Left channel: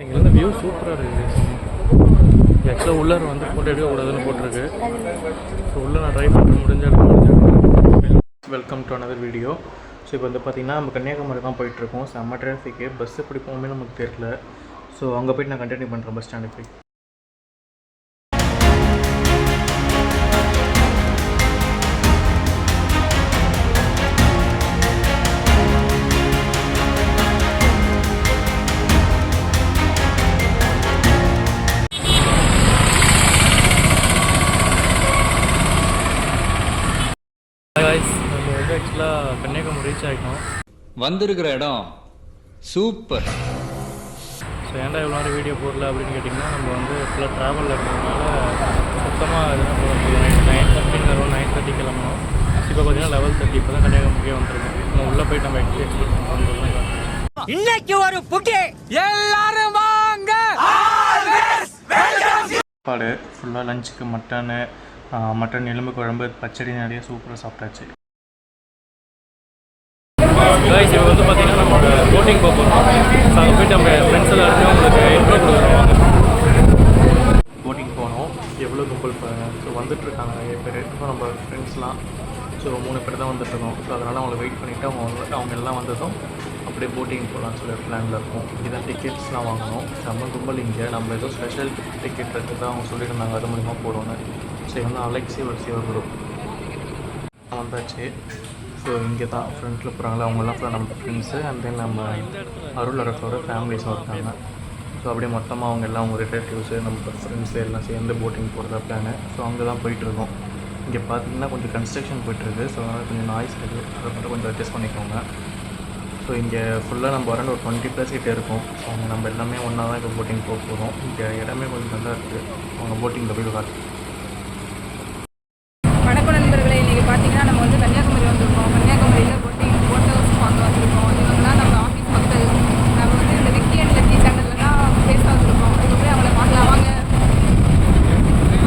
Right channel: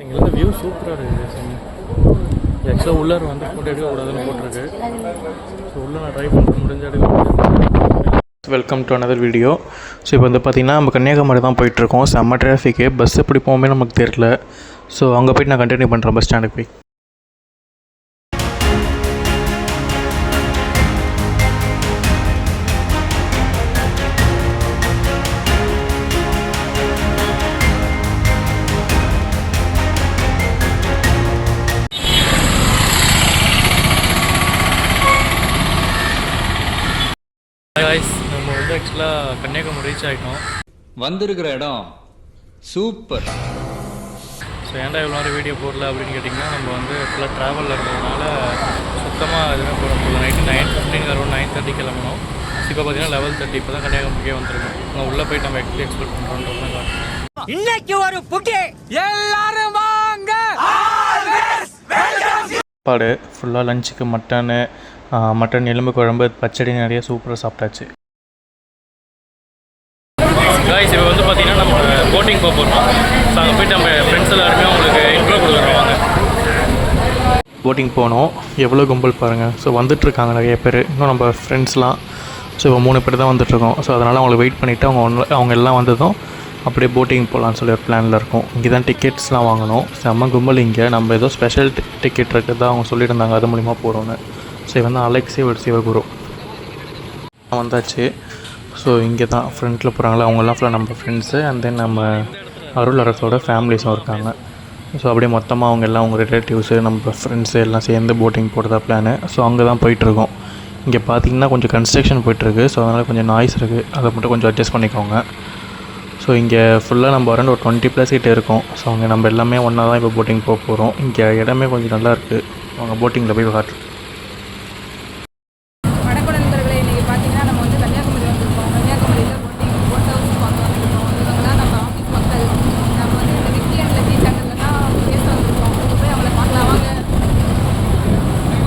இங்கே வியூ சூப்பராக இருக்குது. ஆக்சுவலாக உள்ளார வந்து ஃபோட்டோ எடுக்கக்கூடாதுன்னு போட்டிருக்கு. ஸோ உள்ளே நான் ட்ரை பண்ணுறேன், முடிஞ்ச எடுக்க. Welcome to another video. So இப்போ வந்து பார்த்திங்கன்னா நம்ம கன்னியாகுமரி தான் போயிட்டுருக்கோம். செம்ம டிராஃபிக்கு, பஸ் எப்படி போகுமே நமக்கு தெரியல. ஸோ அங்கே போய்ட்டு நான் கண்டினியூ பண்ணுறேன் பஸ் ஸ்டாண்டுக்கு போய். நம்ம வந்து ஆக்சுவலாக கன்னியாகுமரி ரீச் ஆகிட்டோம். வந்திருக்கிற இடம் சூப்பர். ஸோ ஏன்டா இவ்வளோ நேரம் வீடியோ போடல அப்படின்னு கேட்டிங்கன்னா, நம்ம வந்து ஃபுல்லாக ட்ராவலில் இருந்ததுனால சுத்தமாக எதுவுமே போட முடியல. நைட்டு 9:15 அரௌண்ட் 9:30 கிளம்பணும். இப்போ பார்த்தீங்கன்னா 11:30 இப்போ தான் கன்னியாகுமரிக்கே வந்துருக்கோம். நான் உள்ளே போயிட்டு நம்ம எக்ஸ்ப்ளோர் பண்ணுறோம். இன்னைக்கு ஒரு புட்டி எல்லாரும் வாங்க. சாப்பாடு ஃபுல்லாக லஞ்சுக்கு மட்டன் எலும்பு குழம்பு பச்சடி நிறைய சூப்பராக சாப்பிட்டாச்சு. கைஸ் இப்போ வந்து பார்த்திங்கன்னா நம்ம போட்டிங் போக போகிறோம். ஸோ அங்கே போய்ட்டு நம்ம ஃப்ரெண்ட்ஸ் எல்லாருமே உங்களுக்கு இன்ட்ரோ கொடுக்குறோம். போட்டிங் போனோம். எவ்வளோ கும்பல் பாருங்கள். ஸோ வந்துட்டுருக்காங்க நிறைய பேர். இன்னும் நம்ம ஃப்ரெண்ட்ஸ்லாம். ஸோ இப்போ 3 பேர் தான் வந்துட்டுருக்கோம். ஸோ அதனால் அவங்களை வெயிட் பண்ணிவிட்டு அவங்க எல்லாம் வந்ததும் அப்படியே போட்டிங் போகலான்னு சொல்லி ஒரு பிளானில் இருக்கும். இங்கே தான் டிக்கெட்ஸ்லாம் வாங்கணும். செம்ம கும்பல் இங்கே. நம்ம ஏதோ ஸ்பெஷல் டிக்கெட் இருக்கிறதா அவங்க சொல்லியிருந்தாங்க, அது மூலிமா போகிறோன்னு. ஸோ வந்து அலெக்ஸே ஒரு சிவகுரு வந்தாச்சு. ஸோ இங்கே தான் ஃப்ரெண்டில் போகிறாங்களே அவங்கெல்லாம் ஃபுல்லாக நம்ம ஃப்ரெண்ட்ஸு. அண்ட் தென் நம்ம அருள் அரசோட ஃபேமிலிஸும் இருக்காங்க. ஸோ அப்படியே மொத்தமாக அவங்க எல்லாம் அவங்க ரிலேட்டிவ்ஸு நம்ம ஃப்ரெண்ட்ஸு எல்லாம் சேர்ந்து போட்டிங் போடுறதா பிளானு. ஸோ அங்கே தான் போயிட்டுருக்கோம். இங்கே பார்த்திங்கன்னா கொஞ்சம் கன்ஸ்ட்ரக்ஷன் போயிட்டுருக்கு. ஸோ அதனால் கொஞ்சம் நாய்ஸ் இருக்குது, அதை மட்டும் கொஞ்சம் அட்ஜஸ்ட் பண்ணிக்கோங்க. ஸோ இங்கே ஃபுல்லாக நம்ம அரௌண்ட் ஒரு 20+ கிட்டே இருக்கும். ஸோ அங்கே நம்ம எல்லாமே ஒன்றா தான் இப்போ போட்டிங் போக போகிறோம். இங்கே இடமே கொஞ்சம் நல்லா இருக்குது. அவங்க போட்டிங்கில் போய் காட்டு. வணக்கம் நண்பர்களே, இன்றைக்கி பார்த்தீங்கன்னா நம்ம வந்து கன்னியாகுமரி வந்திருக்கோம். கன்னியாகுமரியில் போட் ஹவுஸ் பார்க்க வந்திருக்கோம். இவங்கெல்லாம் நம்ம ஆஃபீஸ் மக்கள். நம்ம வந்து இந்த விக்கி அண்ட் லக்கி சேனலில் தான் பேச வந்திருக்கோம். இப்போ போய் அவங்கள பார்க்கலாம் வாங்க.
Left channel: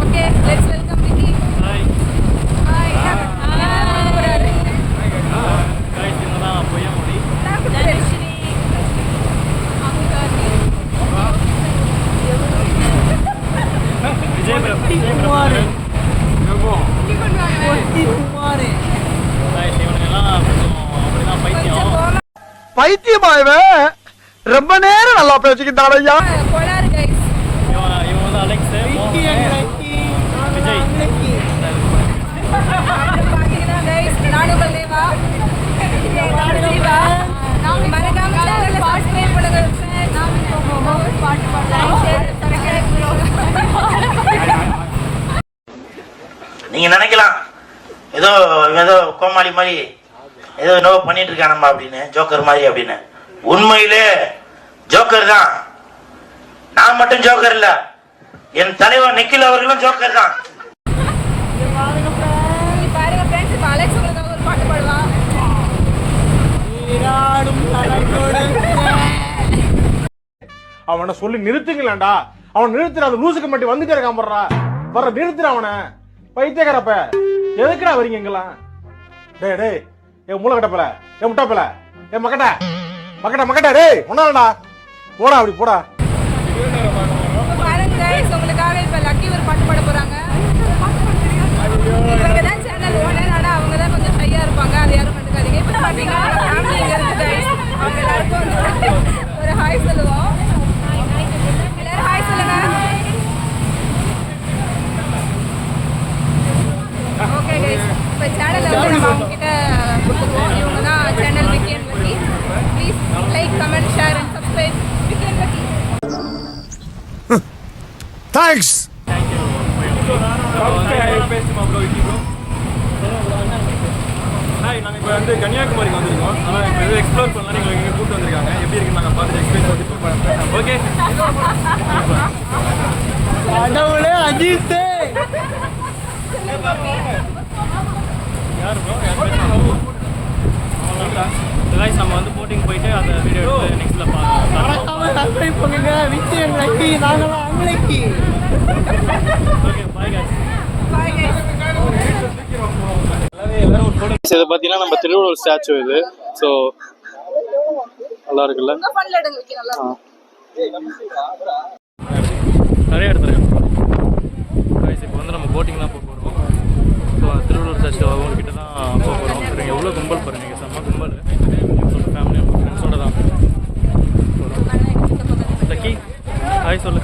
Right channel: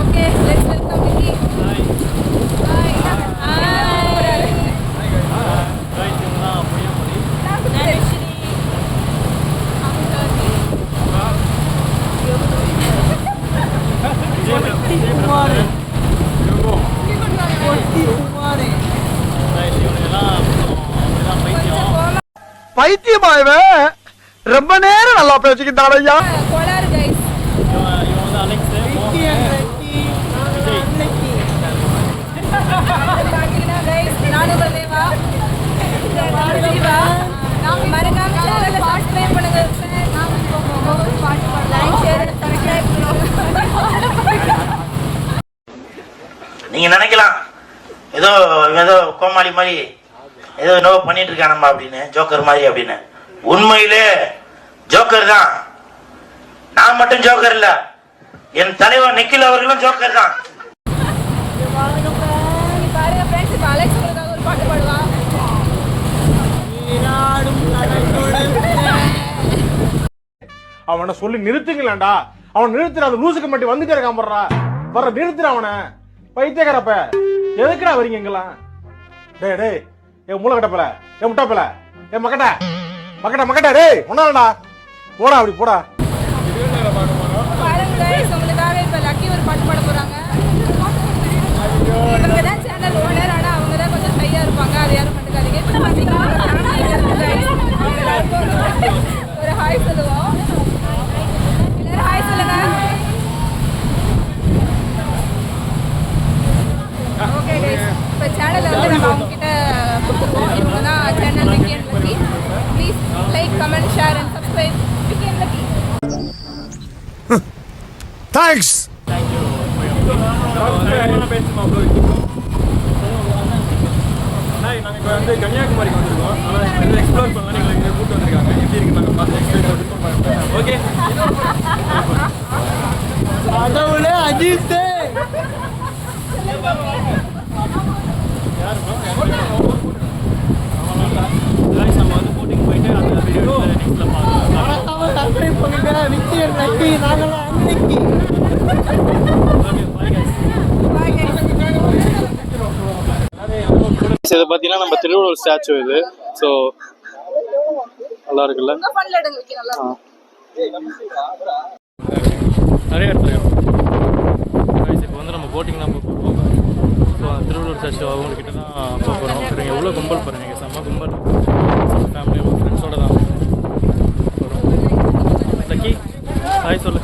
Okay, let's welcome Vicky. Hi. பைத்தியமாயவே ரொம்ப நேரம் நல்லா பேசிக்கிட்டான் ஐயா. கோளாறு கைஸ். பார்த்தீங்கன்னா கைஸ், நானும் தேவா மறக்காம சேனலை சப்ஸ்கிரைப் பண்ணுங்க. பாட்டு பாடலாம். நீங்க நினைக்கலாம் ஏதோ ஏதோ கோமாளி மாதிரி ஏதோ என்னவோ பண்ணிட்டு இருக்கானம்மா அப்படின்னு, ஜோக்கர் மாதிரி அப்படின்னு. உண்மையிலே ஜோக்கர் தான். நான் மட்டும் ஜோக்கர் இல்ல, என் தலைவர் நிக்கில் அவர்களும் ஜோக்கர் தான். பாருங்க ஃப்ரெண்ட்ஸ், இப்போ அலெக்ஸ் உங்களுக்காக ஒரு பாட்டு பாடுவான். அவனை சொல்லி நிறுத்துங்களேன்டா. அவன் நிறுத்துற, அந்த லூசுக்கு மட்டும் வந்துட்டே இருக்கான். வர்ற நிறுத்துற அவனை. பைத்தியக்காரப்ப எதுக்குடா வரீங்க எங்கெல்லாம்? டேய் டேய், என் மூளை கட்டப்பல, என் முட்டாப்பல, என் மக்கட்ட மக்கட்ட மக்கட்ட, டேய் ஒன்னாலடா போடா, அப்படி போடா. பாருங்க கைஸ், உங்களுக்காக இப்போ லக்கி ஒரு பாட்டு பாட போறாங்க. இவங்க தான் சேனல் ஓனர், ஆனால் அவங்க தான் கொஞ்சம் ஷையா இருப்பாங்க, அது யாரும் கண்டுக்காதீங்க. இப்போ பார்த்தீங்கன்னா ஃபேமிலி இங்கே இருக்குது கைஸ். அவங்க எல்லாருக்கும் வந்து ஒரு ஹாய் சொல்லுவோம். எல்லாரும் ஹாய் சொல்லுங்க. ஓகே கைஸ், இப்போ சேனலை வந்து நம்ம அவங்க கிட்ட கொடுத்துருவோம். இவங்க தான் channel Vicky and lucky. Please like, comment, share and subscribe Vicky and lucky. Thanks. நாங்கள் இப்போ வந்து கன்னியாகுமரிக்கு வந்திருக்கோம். ஆனால் இப்போ எதுவும் எக்ஸ்ப்ளோர் பண்ணலாம். நீங்கள் இங்கே கூப்பிட்டு வந்திருக்காங்க. எப்படி இருக்குன்னு நாங்கள் பார்த்துட்டு எக்ஸ்பிளைன் போட்டு ஓகே. கடவுளே அஜித். நம்ம வந்து போட்டிங் போயிட்டு அந்த வீடியோ நெக்ஸ்ட்டில் பார்க்கலாம். சப்ஸ்கிரைப் பண்ணுங்க. விக்கி அண்ட் லக்கி, நாங்களாம் அன்னைக்கு. Bye guys. Bye guys. இது பார்த்தீங்கன்னா நம்ம திருவள்ளுவர் ஸ்டாச்சு இது. ஸோ நல்லா இருக்குல்ல. நிறைய இடத்துல இப்போ வந்து நம்ம போட்டிங் தான் போக போகிறோம். ஸோ திருவள்ளூர் சர்ச் அவங்கக்கிட்ட தான் போக போகிறோம். சரிங்க, எவ்வளோ கும்பல் பாருங்கள், இங்கே செம்ம கும்பல். ஃபேமிலி ஃப்ரெண்ட்ஸோடு தான் போகிறோம். சக்கி ஹாய் சொல்லு,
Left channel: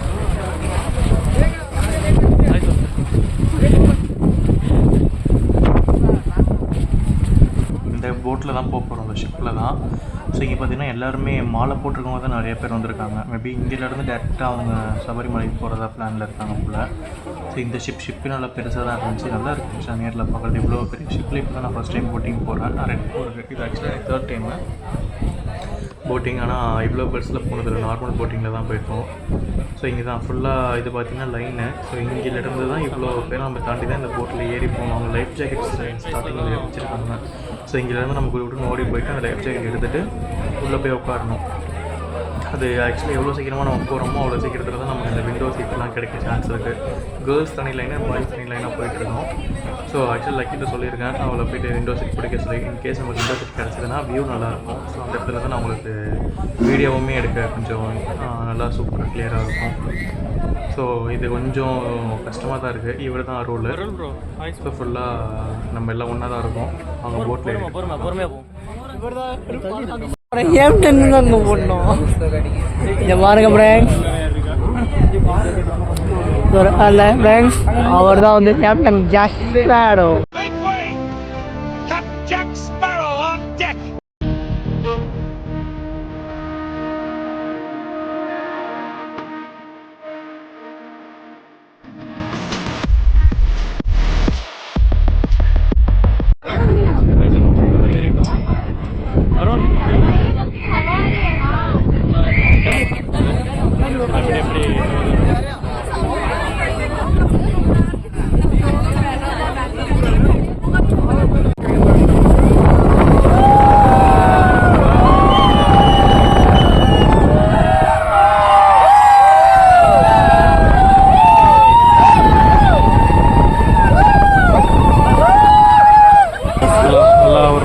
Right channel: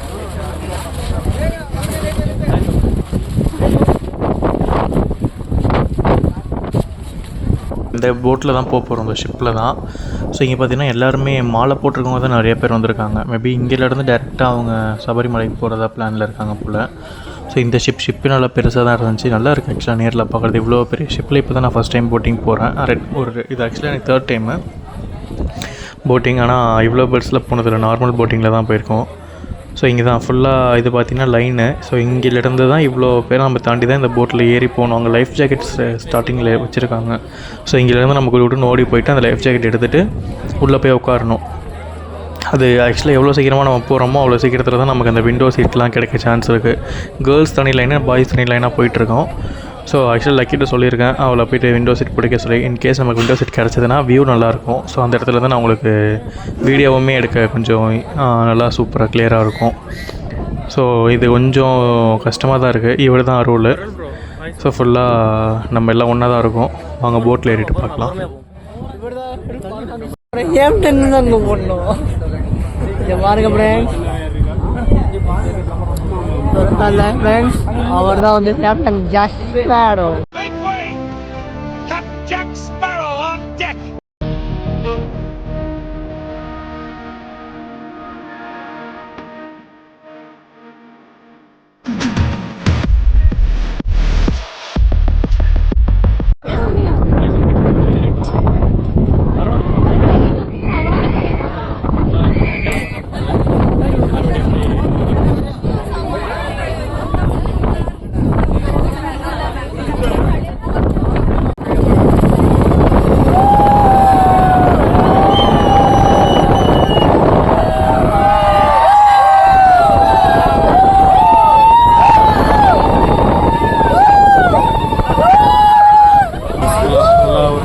ஹாய் சொல்லு. இந்த போட்டில் தான் போக போகிறோம், இந்த ஷிப்பில் தான். ஸோ இங்கே பார்த்தீங்கன்னா எல்லாருமே மாலை போட்டிருக்கவங்க தான் நிறைய பேர் வந்திருக்காங்க. மேபி இங்கேருந்து டேரெக்டாக அவங்க சபரிமலைக்கு போகிறதா பிளானில் இருக்காங்க போல். ஸோ இந்த ஷிப்பு நல்லா பெருசாக தான் இருந்துச்சு, நல்லா இருக்குது ஆக்சுவலாக நேரில் பார்க்குறது. இவ்வளோ பெரிய ஷிப்பில் இப்போ தான் நான் ஃபஸ்ட் டைம் போட்டிங் போகிறேன். இது ஆக்சுவலாக எனக்கு 3rd டைமு போட்டிங். ஆனால் இவ்வளோ பெருசில் போனதில்லை, நார்மல் போட்டிங்கில் தான் போயிருக்கோம். ஸோ இங்கே தான் ஃபுல்லாக இது பார்த்திங்கன்னா லைனு. ஸோ இங்கேருந்து தான் இவ்வளோ பேர் நம்ம தாண்டி தான் இந்த போட்டில் ஏறி போகணும். அங்கே லைஃப் ஜாக்கெட்ஸ் ஸ்டார்டிங்கில் வச்சுருக்காங்க. ஸோ இங்கேருந்து நம்ம விட்டு ஓடி போயிட்டு அந்த லைஃப் ஜாக்கெட் எடுத்துகிட்டு உள்ளே போய் உட்காரணும். அது ஆக்சுவலாக எவ்வளோ சீக்கிரமாக நம்ம போகிறோமோ அவ்வளோ சீக்கிரத்தில் தான் நமக்கு அந்த விண்டோ சீட்லாம் கிடைக்க சான்ஸ் இருக்குது. கேர்ள்ஸ் தனி லைனாக, பாய்ஸ் தனி லைனாக போயிட்டுருக்கோம். ஸோ ஆக்சுவலாக லக்கிட்ட சொல்லியிருக்கேன் அவளை போய்ட்டு விண்டோ சீட் பிடிக்க சொல்லி. இன்கேஸ் நமக்கு விண்டோ சீட் கிடச்சதுன்னா வியூ நல்லாயிருக்கும். ஸோ அந்த இடத்துல தான் நான் உங்களுக்கு வீடியோவுமே எடுக்க கொஞ்சம் நல்லா சூப்பராக கிளியராக இருக்கும். ஸோ இது கொஞ்சம் கஷ்டமாக தான் இருக்குது. இவர் தான் ரூலு. ஸோ ஃபுல்லாக நம்ம எல்லாம் ஒன்றா தான் இருக்கோம். வாங்க போட்டில் ஏறிட்டு பார்க்கலாம். அவர் தான் வந்து கேப்டன் ஜாக் ஸ்பேரோ.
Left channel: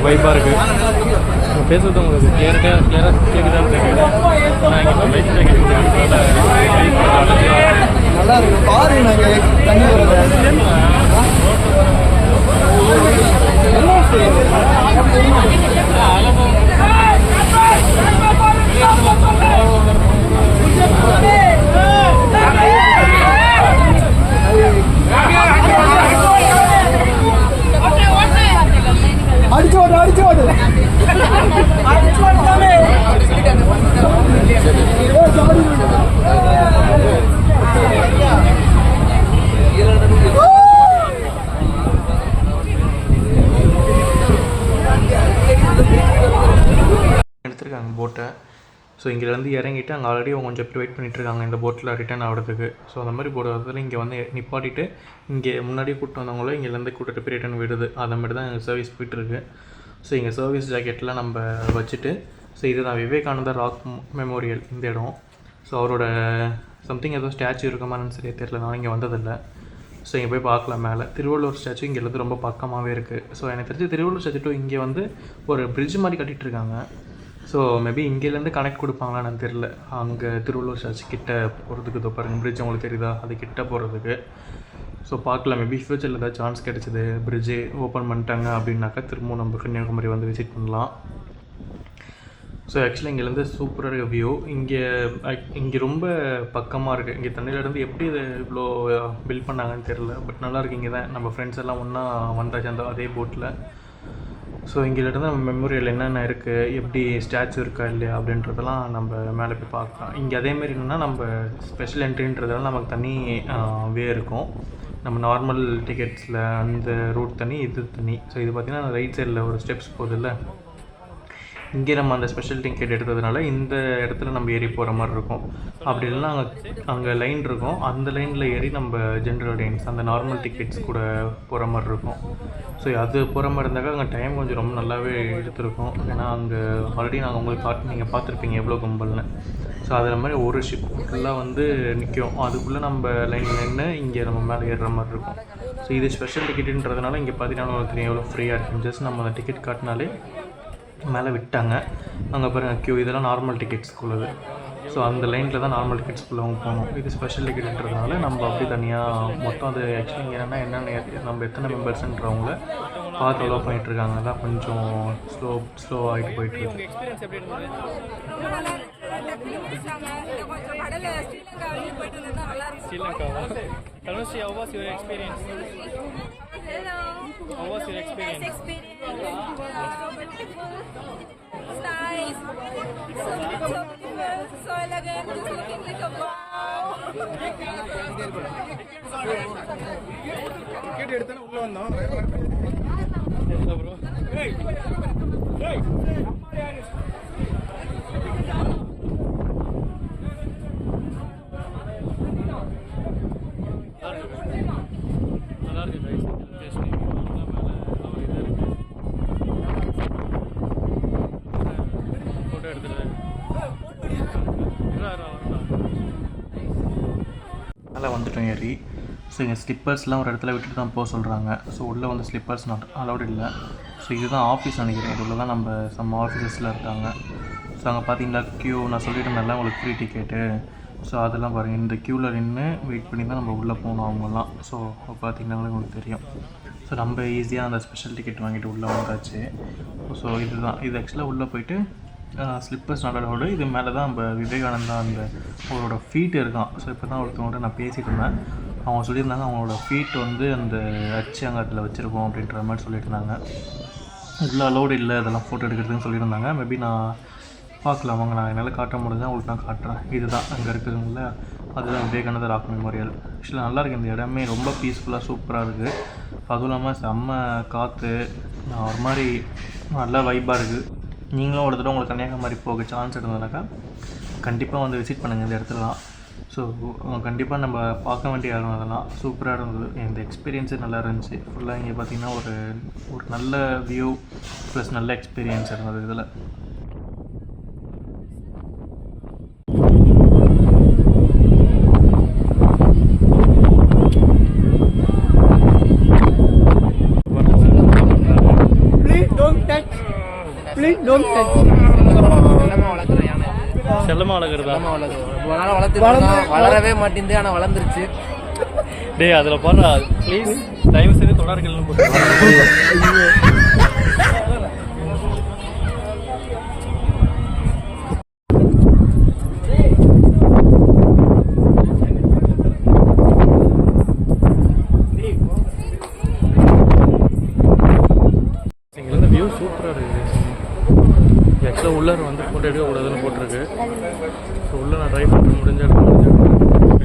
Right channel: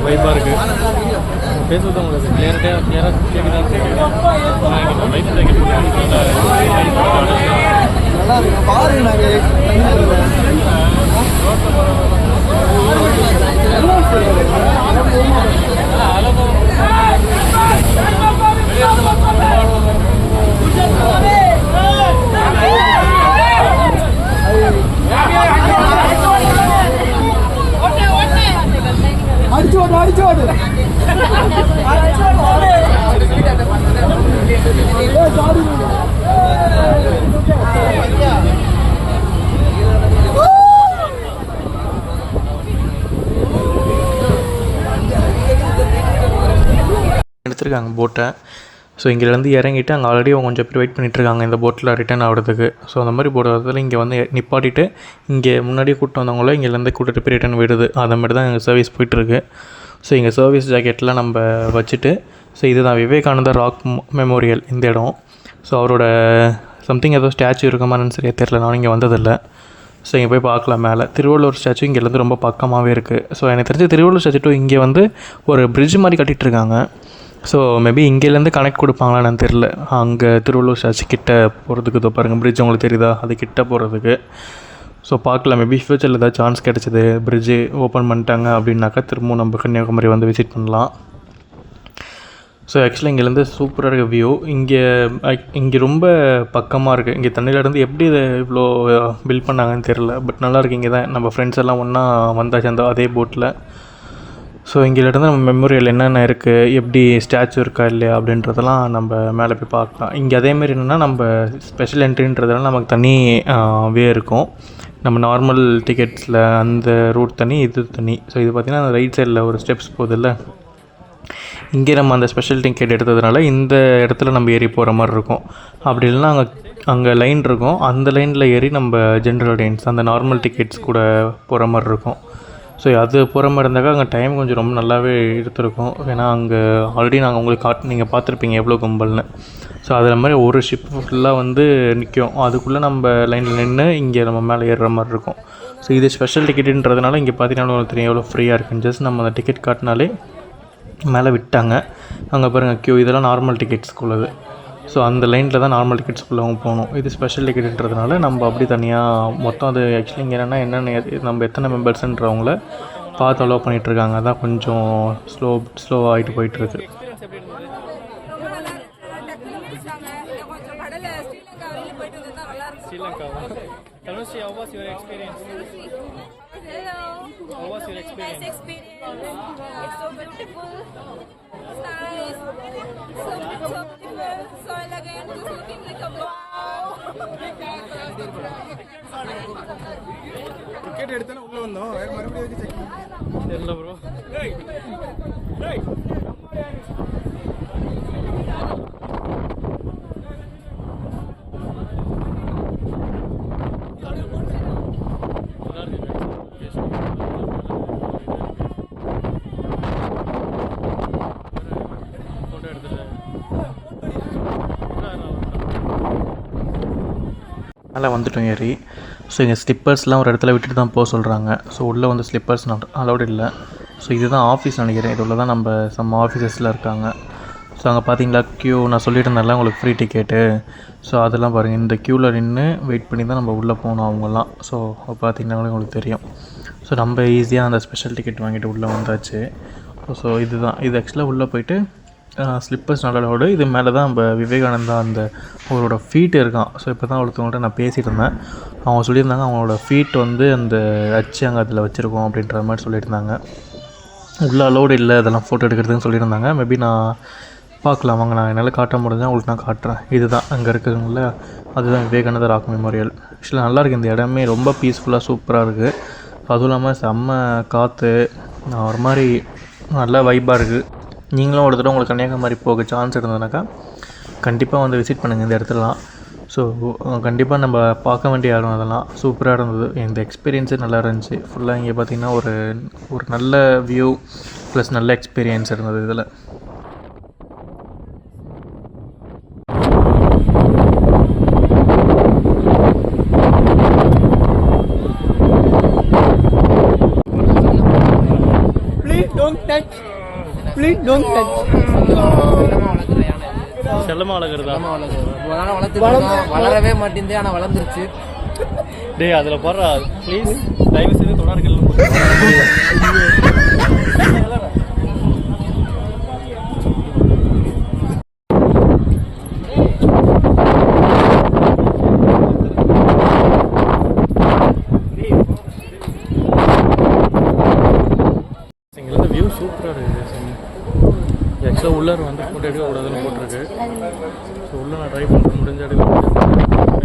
வைப்பாக இருக்குது. பேசுறது உங்களுக்கு கிளியராக கேட்குதான்னு கேட்குது. ஆனால் இங்கே லைஃப் ஜாக்கெட் கொடுத்ததுனால கை எடுத்துருக்காங்க போட்டை. ஸோ இங்கேருந்து இறங்கிட்டு அங்கே ஆல்ரெடி அவங்க கொஞ்சம் பேர் வெயிட் பண்ணிகிட்ருக்காங்க இந்த போட்டில் ரிட்டர்ன் ஆகிறதுக்கு. ஸோ அந்த மாதிரி போடுறதுல இங்கே வந்து நிப்பாட்டிட்டு இங்கே முன்னாடியே கூப்பிட்டு வந்தவங்கள இங்கேருந்து கூட்டிகிட்டு போய் ரிட்டர்ன் விடுது. அதை மாதிரி தான் எங்கள் சர்வீஸ் போயிட்டுருக்கு. ஸோ இங்கே சர்வீஸ் ஜாக்கெட்லாம் நம்ம வச்சுட்டு, ஸோ இதுதான் விவேகானந்தா ராக் மெமோரியல் இந்த இடம். ஸோ அவரோட சம்திங் ஏதோ ஸ்டாச்சு இருக்க மாதிரின்னு சரியாக தெரில, நான் இங்கே வந்ததில்லை. ஸோ இங்கே போய் பார்க்கலாம். மேலே திருவள்ளுவர் ஸ்டாச்சு இங்கேருந்து ரொம்ப பக்கமாகவே இருக்குது. ஸோ எனக்கு தெரிஞ்ச திருவள்ளுவர் ஸ்டாச்சு டு இங்கே வந்து ஒரு பிரிட்ஜ் மாதிரி கட்டிகிட்ருக்காங்க. ஸோ மேபி இங்கேருந்து கனெக்ட் கொடுப்பாங்களான்னு தெரில. அங்கே திருவள்ளுவர் ஸ்டாச்சு கிட்ட போகிறதுக்கு இதோ பாருங்கள் பிரிட்ஜ் உங்களுக்கு தெரியுதா, அது கிட்ட போகிறதுக்கு. ஸோ பார்க்கலாம், மேபி ஃப்யூச்சரில் ஏதாவது சான்ஸ் கிடச்சிது பிரிட்ஜு ஓப்பன் பண்ணிட்டாங்க அப்படின்னாக்கா திரும்பவும் நம்ம கன்னியாகுமரி வந்து விசிட் பண்ணலாம். ஸோ ஆக்சுவலாக இங்கேருந்து சூப்பராக இருக்க வியூ. இங்கே ரொம்ப பக்கமாக இருக்குது. இங்கே தண்ணியிலேருந்து எப்படி இதை இவ்வளோ பில்ட் பண்ணாங்கன்னு தெரில, பட் நல்லாயிருக்கு. இங்கே தான் நம்ம ஃப்ரெண்ட்ஸ் எல்லாம் ஒன்றா வந்தாச்சு அந்த அதே போட்டில். ஸோ இங்கேருந்து நம்ம மெமோரியல் என்னென்ன இருக்குது, எப்படி ஸ்டாச்சு இருக்கா இல்லையா அப்படின்றதெல்லாம் நம்ம மேலே போய் பார்க்கலாம். இங்கே அதேமாரி என்னென்னா நம்ம ஸ்பெஷல் என்ட்ரின்றதுனால நமக்கு தனி வே இருக்கும். நம்ம நார்மல் டிக்கெட்ஸில் அந்த ரூட் தனி, இது தனி. ஸோ இது பார்த்திங்கன்னா ரைட் சைடில் ஒரு ஸ்டெப்ஸ் போகுதில்ல, இங்கே நம்ம அந்த ஸ்பெஷல் டிக்கெட் எடுத்ததுனால இந்த இடத்துல நம்ம ஏறி போகிற மாதிரி இருக்கும். அப்படி இல்லைன்னா அங்கே லைன் இருக்கும், அந்த லைனில் ஏறி நம்ம ஜென்ரல் ஆடியன்ஸ் அந்த நார்மல் டிக்கெட்ஸ் கூட போகிற மாதிரி இருக்கும். ஸோ அது போகிற மாதிரி இருந்தாக்கா அங்கே டைம் கொஞ்சம் ரொம்ப நல்லாவே எடுத்துருக்கும். ஏன்னா அங்கே ஆல்ரெடி நாங்கள் உங்களுக்கு நீங்கள் பார்த்துருப்பீங்க எவ்வளோ கும்பல்னு. ஸோ அதில் மாதிரி ஒரு ஷிப் ஃபுல்லாக வந்து நிற்கும், அதுக்குள்ளே நம்ம லைனில் நின்று இங்கே நம்ம மேலே ஏறுற மாதிரி இருக்கும். ஸோ இது ஸ்பெஷல் டிக்கெட்டுன்றதுனால இங்கே பார்த்தீங்கன்னா உங்களுக்கு தெரியும் எவ்வளோ ஃப்ரீயாக இருக்குன்னு. ஜஸ்ட் நம்ம அந்த டிக்கெட் காட்டினாலே மேலே விட்டாங்க. அங்கே பாருங்கள் க்யூ, இதெல்லாம் நார்மல் டிக்கெட்ஸ்க்குள்ளது. ஸோ அந்த லைனில் தான் நார்மல் டிக்கெட்ஸ்குள்ளே அவங்க போகணும். இது ஸ்பெஷல் டிக்கெட்டுன்றதுனால நம்ம அப்படி தனியாக மொத்தம் அது ஆக்சுவலி இங்கே என்னென்னா நம்ம எத்தனை மெம்பர்ஸ்ன்றவங்கள பார்த்து அலோவ் பண்ணிகிட்ருக்காங்க. அதான் கொஞ்சம் ஸ்லோவாகிட்டு போயிட்டுருக்கு. ரொம்ப நல்லா இருந்துச்சு. டக்குனு முடிச்சாங்க. கொஞ்சம் கடலை ஸ்ரீலங்கா வரையும் போயிட்டு வந்தா நல்லா இருந்துச்சு. ஸ்ரீலங்காவா? Dhanushi, how was your experience? Hello. How was your Nice experience? experience. Yeah, so beautiful. It's nice. So beautiful. So elegant. Just looking like a wow. தெரியல ப்ரோ. நல்லா இருக்கு லொக்கேஷன். ஃபோட்டோ எடுத்துட்டு மேலே வந்துட்டோம் ஏறி. ஸோ இங்கே ஸ்லிப்பர்ஸ்லாம் ஒரு இடத்துல விட்டுட்டு தான் போக சொல்கிறாங்க. ஸோ உள்ளே வந்து ஸ்லிப்பர்ஸ் அலௌடு இல்லை. ஸோ இதுதான் ஆஃபீஸ் நினைக்கிறேன். இது உள்ள தான் நம்ம சம் ஆஃபீஸஸில் இருக்காங்க. ஸோ அங்கே பார்த்தீங்களா க்யூ, நான் சொல்லிட்டு இருந்தேன்ல உங்களுக்கு ஃப்ரீ டிக்கெட்டு. ஸோ அதெல்லாம் பாருங்கள், இந்த க்யூவில் நின்று வெயிட் பண்ணி தான் நம்ம உள்ளே போகணும் அவங்கெல்லாம். ஸோ பார்த்தீங்கன்னா உங்களுக்கு தெரியும். ஸோ நம்ம ஈஸியாக அந்த ஸ்பெஷல் டிக்கெட் வாங்கிட்டு உள்ளே வந்தாச்சு. ஸோ இதுதான் இது ஆக்சுவலாக உள்ளே போயிட்டு ஸ்லிப்பர்ஸ் நல்லோட இது மேலே தான் நம்ம விவேகானந்தா அந்த அவரோட ஃபீட் இருக்கான். ஸோ இப்போ தான் ஒருத்தவங்கள்ட்ட நான் பேசிகிட்டு இருந்தேன். அவங்க சொல்லியிருந்தாங்க அவங்களோட ஃபீட் வந்து அந்த அச்சு அங்கே அதில் வச்சுருக்கோம் அப்படின்ற மாதிரி சொல்லியிருந்தாங்க. உள்ள அலோடு இல்லை அதெல்லாம் ஃபோட்டோ எடுக்கிறதுன்னு சொல்லியிருந்தாங்க. மேபி நான் பார்க்கலாம் வாங்க, நான் என்னால் காட்ட முடிஞ்சால் உங்களுக்கு நான் காட்டுறேன். இதுதான் அங்கே இருக்குதுங்கள, அதுதான் விவேகானந்தா ராக் மெமோரியல். ஆக்சுவலாக நல்லாயிருக்கு. இந்த இடமே ரொம்ப பீஸ்ஃபுல்லாக சூப்பராக இருக்குது. அதுவும் இல்லாமல் செம்ம காற்று, ஒரு மாதிரி நல்லா வைப்பாக இருக்குது. நீங்களும் ஒரு தடவை உங்களுக்கு கன்னியாகுமரி போக சான்ஸ் இருந்ததுனாக்கா கண்டிப்பாக வந்து விசிட் பண்ணுங்கள் இந்த இடத்துலலாம். ஸோ கண்டிப்பாக நம்ம பார்க்க வேண்டிய இடம் அதெல்லாம் சூப்பராக இருந்தது. இந்த எக்ஸ்பீரியன்ஸே நல்லா இருந்துச்சு. ஃபுல்லாக இங்கே பார்த்திங்கன்னா ஒரு நல்ல வியூ ப்ளஸ் நல்ல எக்ஸ்பீரியன்ஸ் இருந்தது இதில். செல்லமா வளர்க்குறதா? வளரவே மாட்டேங்குது, ஆனா வளர்ந்துருச்சு. டே அதில் போடுறா ப்ளீஸ், தயவு செய்து தொடர்கள் இங்கேருந்து வியூ சூப்பராக இருக்குது. ஆக்சுவலாக உள்ளே வந்து ஃபோட்டோ எடுக்கக்கூடாதுன்னு போட்டிருக்கு. ஸோ உள்ளே நான் ட்ரை பண்ணுறேன், முடிஞ்ச எடுக்க முடியாது.